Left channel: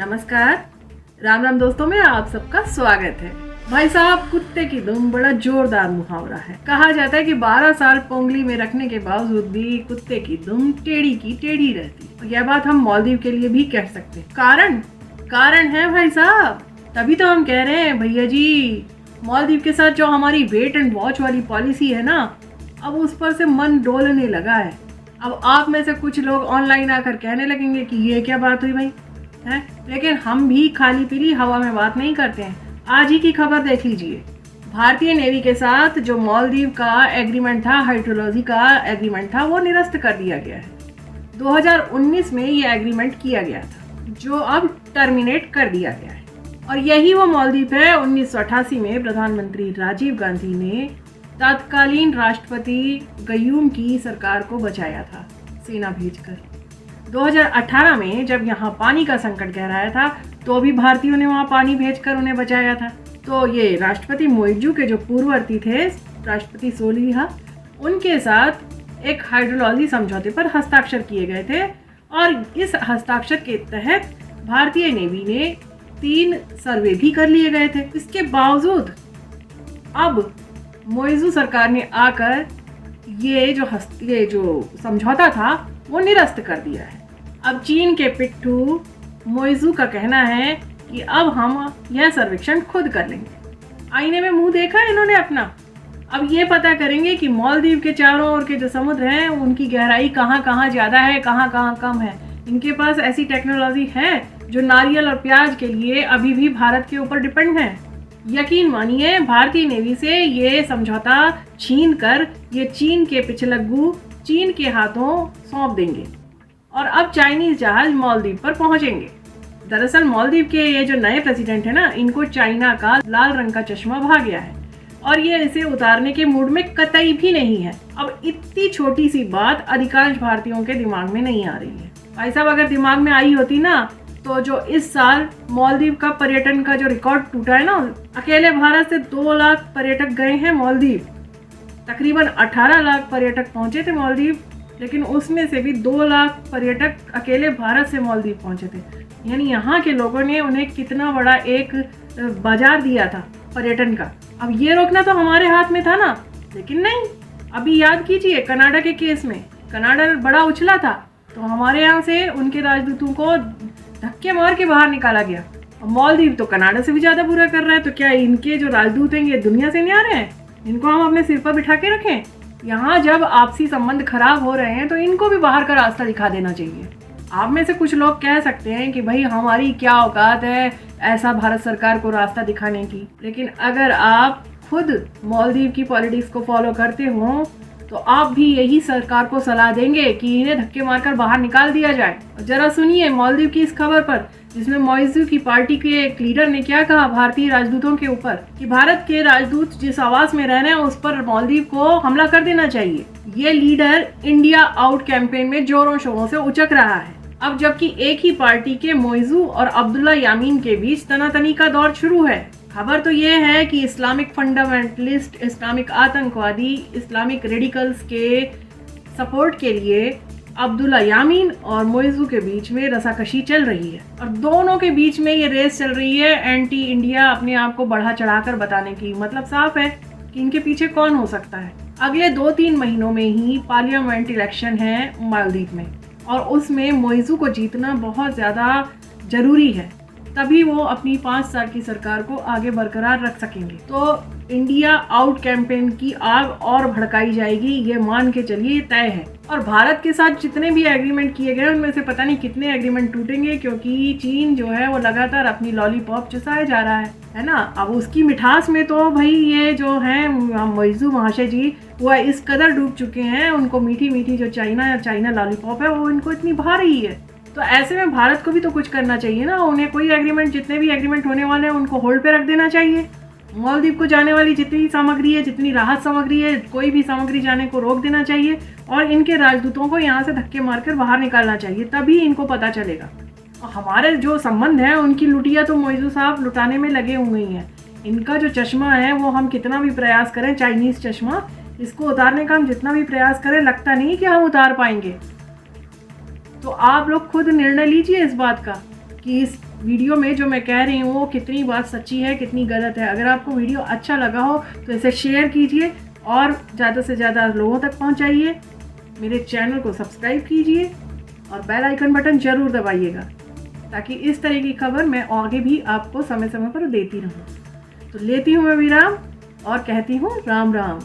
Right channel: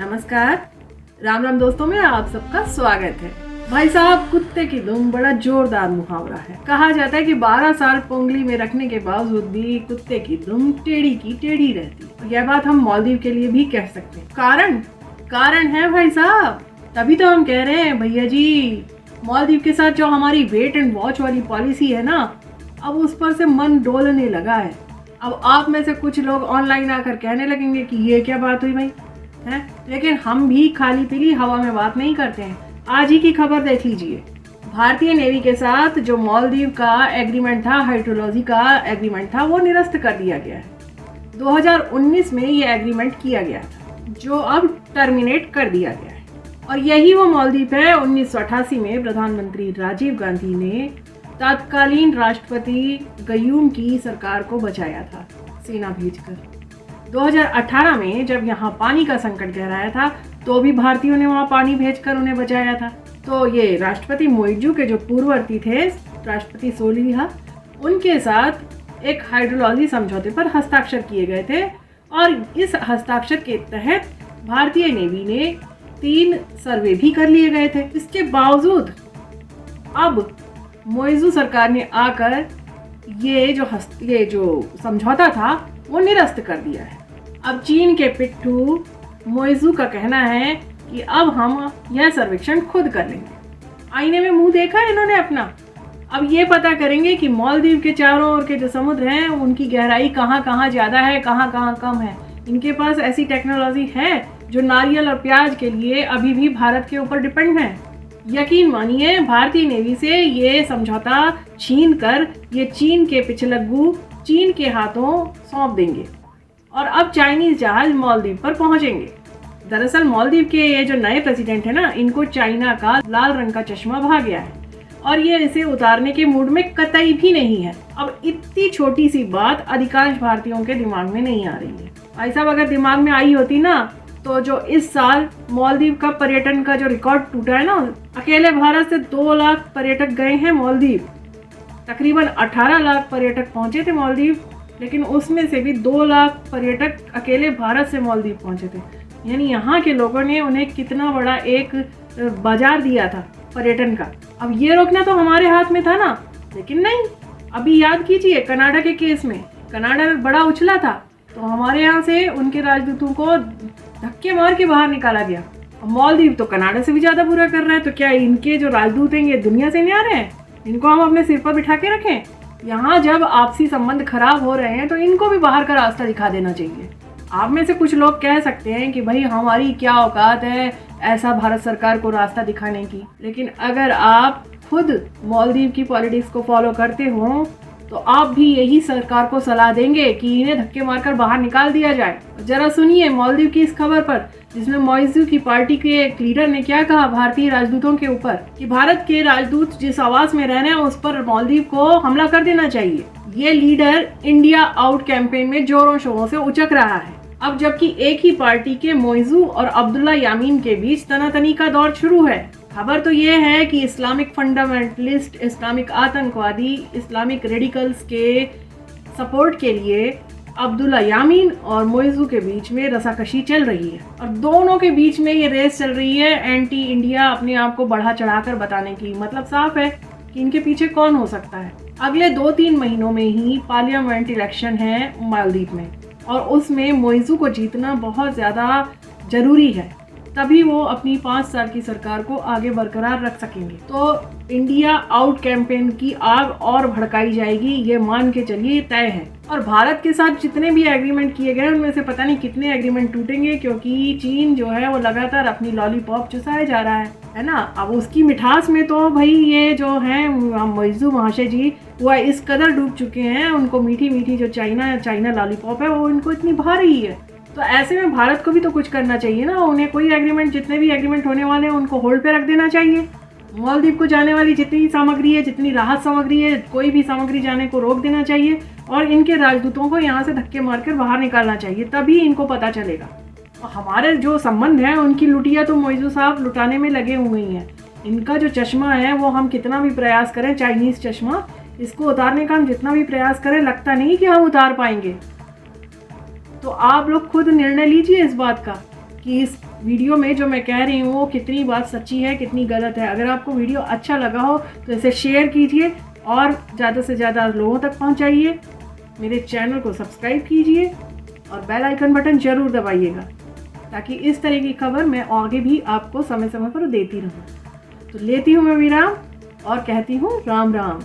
नमस्कार। राम राम दोस्तों में आप सबका स्वागत है। भाई साहब, कुत्ते की दुम बड़ा जोरदार मुहावरा है। कहा जाता है कि 12 साल पोंगली में रखने के बावजूद भी कुत्ते की दुम टेढ़ी की टेढ़ी रहती। तो यह बात हम मालदीव के लिए भी कह सकते हैं। कारण है भाई साहब, तभी तो हम कह रहे हैं भैया जी, मालदीव के साथ जो हमारी वेट एंड वॉच वाली पॉलिसी है ना, अब उस पर से मन डोलने लगा है। अब आप में से कुछ लोग ऑनलाइन आकर कहने लगेंगे कि ये क्या बात हुई भाई है, लेकिन हम भी खाली पीली हवा में बात नहीं करते हैं। आज ही की खबर देख लीजिए। भारतीय नेवी के साथ जो मालदीव का एग्रीमेंट था, हाइड्रोलॉजी का एग्रीमेंट था, वो निरस्त कर दिया गया है। 2019 में ये एग्रीमेंट किया गया था, जो अब टर्मिनेट कर दिया गया है। और यही वो मालदीव है 1988 में प्रधानमंत्री राजीव गांधी ने तत्कालीन राष्ट्रपति गयूम की सरकार को बचाया था सेना भेजकर। 2018 में जब यहाँ पानी का संकट गहराया था, तो भी भारतीयों ने वहाँ पानी भेजकर उन्हें बचाया था। तो ये राष्ट्रपति मोइजू के जो पूर्ववर्ती थे, राष्ट्रपति सोलिहा, उनके साथ एक हाइड्रोलॉजी समझौते पर हस्ताक्षर किए गए थे। और इस हस्ताक्षर के तहत भारतीय नेवी ने 3 सर्वे भी कर लिए गए थे। इसके बावजूद अब मोइजू सरकार ने आकर ये जो समझौता था वो निरस्त कर दिया है। अब चीन के पिट्ठू मोइजू का कहना है कि अब हम यह सर्वेक्षण खुद कर लेंगे। आईने में मुंह देखा है इन्होंने अपना। अब ये पता करेंगे कि मालदीव के चारों ओर के जो समुद्र हैं, उनकी गहराई कहाँ कहाँ ज्यादा है, कहाँ कहाँ कम है। इनके पास ऐसी टेक्नोलॉजी है जो नारियल और प्याज के लिए अभी भी भारत के ऊपर डिपेंड है। यकीन मानिए, भारतीय नेवी से ये समझौता छीन कर ये चीन के पिछलग्गू चीन के हाथों सौंप देंगे और अब चाइनीज जहाज मालदीव पर पहुंचेंगे। दरअसल मालदीव के ये जो नए प्रेसिडेंट है ना, इनको चाइना का लाल रंग का चश्मा भा गया है और ये इसे उतारने के मूड में कतई भी नहीं है। अब इतनी छोटी सी बात अधिकांश भारतीयों के दिमाग में नहीं आ रही है। भाई साहब, अगर दिमाग में आई होती ना, तो जो इस साल मालदीव का पर्यटन का जो रिकॉर्ड टूटा है ना, अकेले भारत से 2 लाख पर्यटक गए हैं मालदीव। तकरीबन 18 लाख पर्यटक पहुंचे थे मालदीव, लेकिन उसमें से भी 2 लाख पर्यटक अकेले भारत से मालदीव पहुंचे थे। यानी यहाँ के लोगों ने उन्हें कितना बड़ा एक बाजार दिया था पर्यटन का। अब ये रोकना तो हमारे हाथ में था ना, लेकिन नहीं। अभी याद कीजिए, कनाडा के केस में कनाडा बड़ा उछला था, तो हमारे यहाँ से उनके राजदूतों को धक्के मार के बाहर निकाला गया। मालदीव तो कनाडा से भी ज्यादा बुरा कर रहा है। तो क्या इनके जो राजदूत हैं ये दुनिया से नहीं आ रहे हैं? इनको हम अपने सिर पर बिठा के रखें? यहाँ जब आपसी संबंध खराब हो रहे हैं तो इनको भी बाहर का रास्ता दिखा देना चाहिए। आप में से कुछ लोग कह सकते हैं कि भाई हमारी क्या औकात है ऐसा भारत सरकार को रास्ता दिखाने की, लेकिन अगर आप खुद मालदीव की पॉलिटिक्स को फॉलो करते हो तो आप भी यही सरकार को सलाह देंगे कि इन्हें धक्के मारकर बाहर निकाल दिया जाए। जरा सुनिए मालदीव की इस खबर पर, जिसमें मोइजू की पार्टी के एक लीडर ने क्या कहा भारतीय राजदूतों के ऊपर, कि भारत के राजदूत जिस आवास में रह रहे हैं उस पर मालदीव को हमला कर देना चाहिए। ये लीडर इंडिया आउट कैंपेन में जोरों शोरों से उचक रहा है। अब जबकि एक ही पार्टी के मोइजू और अब्दुल्ला यामीन के बीच तनातनी का दौर शुरू है। खबर तो ये है कि इस्लामिक फंडामेंटलिस्ट, इस्लामिक आतंकवादी, इस्लामिक रेडिकल्स के सपोर्ट के लिए अब्दुल्ला यामीन और मोइजू के बीच में रसाकशी चल रही है। और दोनों के बीच में ये रेस चल रही है एंटी इंडिया अपने आप को बढ़ा चढ़ाकर बताने की। मतलब साफ है कि इनके पीछे कौन हो सकता है। अगले 2-3 महीनों में ही पार्लियामेंट इलेक्शन है मालदीव में, और उसमें मोइजू को जीतना बहुत ज्यादा जरूरी है, तभी वो अपनी 5 साल की सरकार को आगे बरकरार रख सकेंगे। तो इंडिया आउट कैंपेन की आग और भड़काई जाएगी, ये मान के चलिए तय है। और भारत के साथ जितने भी एग्रीमेंट किए गए उनमें से पता नहीं कितने एग्रीमेंट टूटेंगे, क्योंकि चीन जो है वो लगातार अपनी लॉलीपॉप चुसाए जा रहा है ना। अब उसकी मिठास में तो भाई ये जो है मोइजू महाशय जी, वो इस कदर डूब चुके हैं, उनको मीठी मीठी जो चाइना लॉलीपॉप है वो इनको इतनी भारी है। तो ऐसे में भारत को भी तो कुछ करना चाहिए ना। उन्हें कोई एग्रीमेंट, जितने भी एग्रीमेंट होने वाले हैं उनको होल्ड पे रख देना चाहिए। मालदीव को जाने वाली जितनी सामग्री है, जितनी राहत सामग्री है, कोई भी सामग्री जाने को रोक देना चाहिए और इनके राजदूतों को यहाँ से धक्के मारकर बाहर निकालना चाहिए, तभी इनको पता चलेगा। और हमारे जो संबंध है उनकी लुटिया तो मोइजू साहब लुटाने में लगे हुए हैं। इनका जो चश्मा है वो हम कितना भी प्रयास करें, चाइनीज चश्मा, इसको उतारने का हम जितना भी प्रयास करें, लगता नहीं कि हम उतार पाएंगे। तो आप लोग खुद निर्णय लीजिए इस बात का कि इस वीडियो में जो मैं कह रही हूँ वो कितनी बात सच्ची है, कितनी गलत है। अगर आपको वीडियो अच्छा लगा हो तो इसे शेयर कीजिए और ज़्यादा से ज़्यादा लोगों तक पहुँचाइए। मेरे चैनल को सब्सक्राइब कीजिए और बेल आइकन बटन ज़रूर दबाइएगा, ताकि इस तरह की खबर मैं आगे भी आपको समय समय पर देती रहूँ। तो लेती हूँ मैं विराम और कहती हूँ राम राम।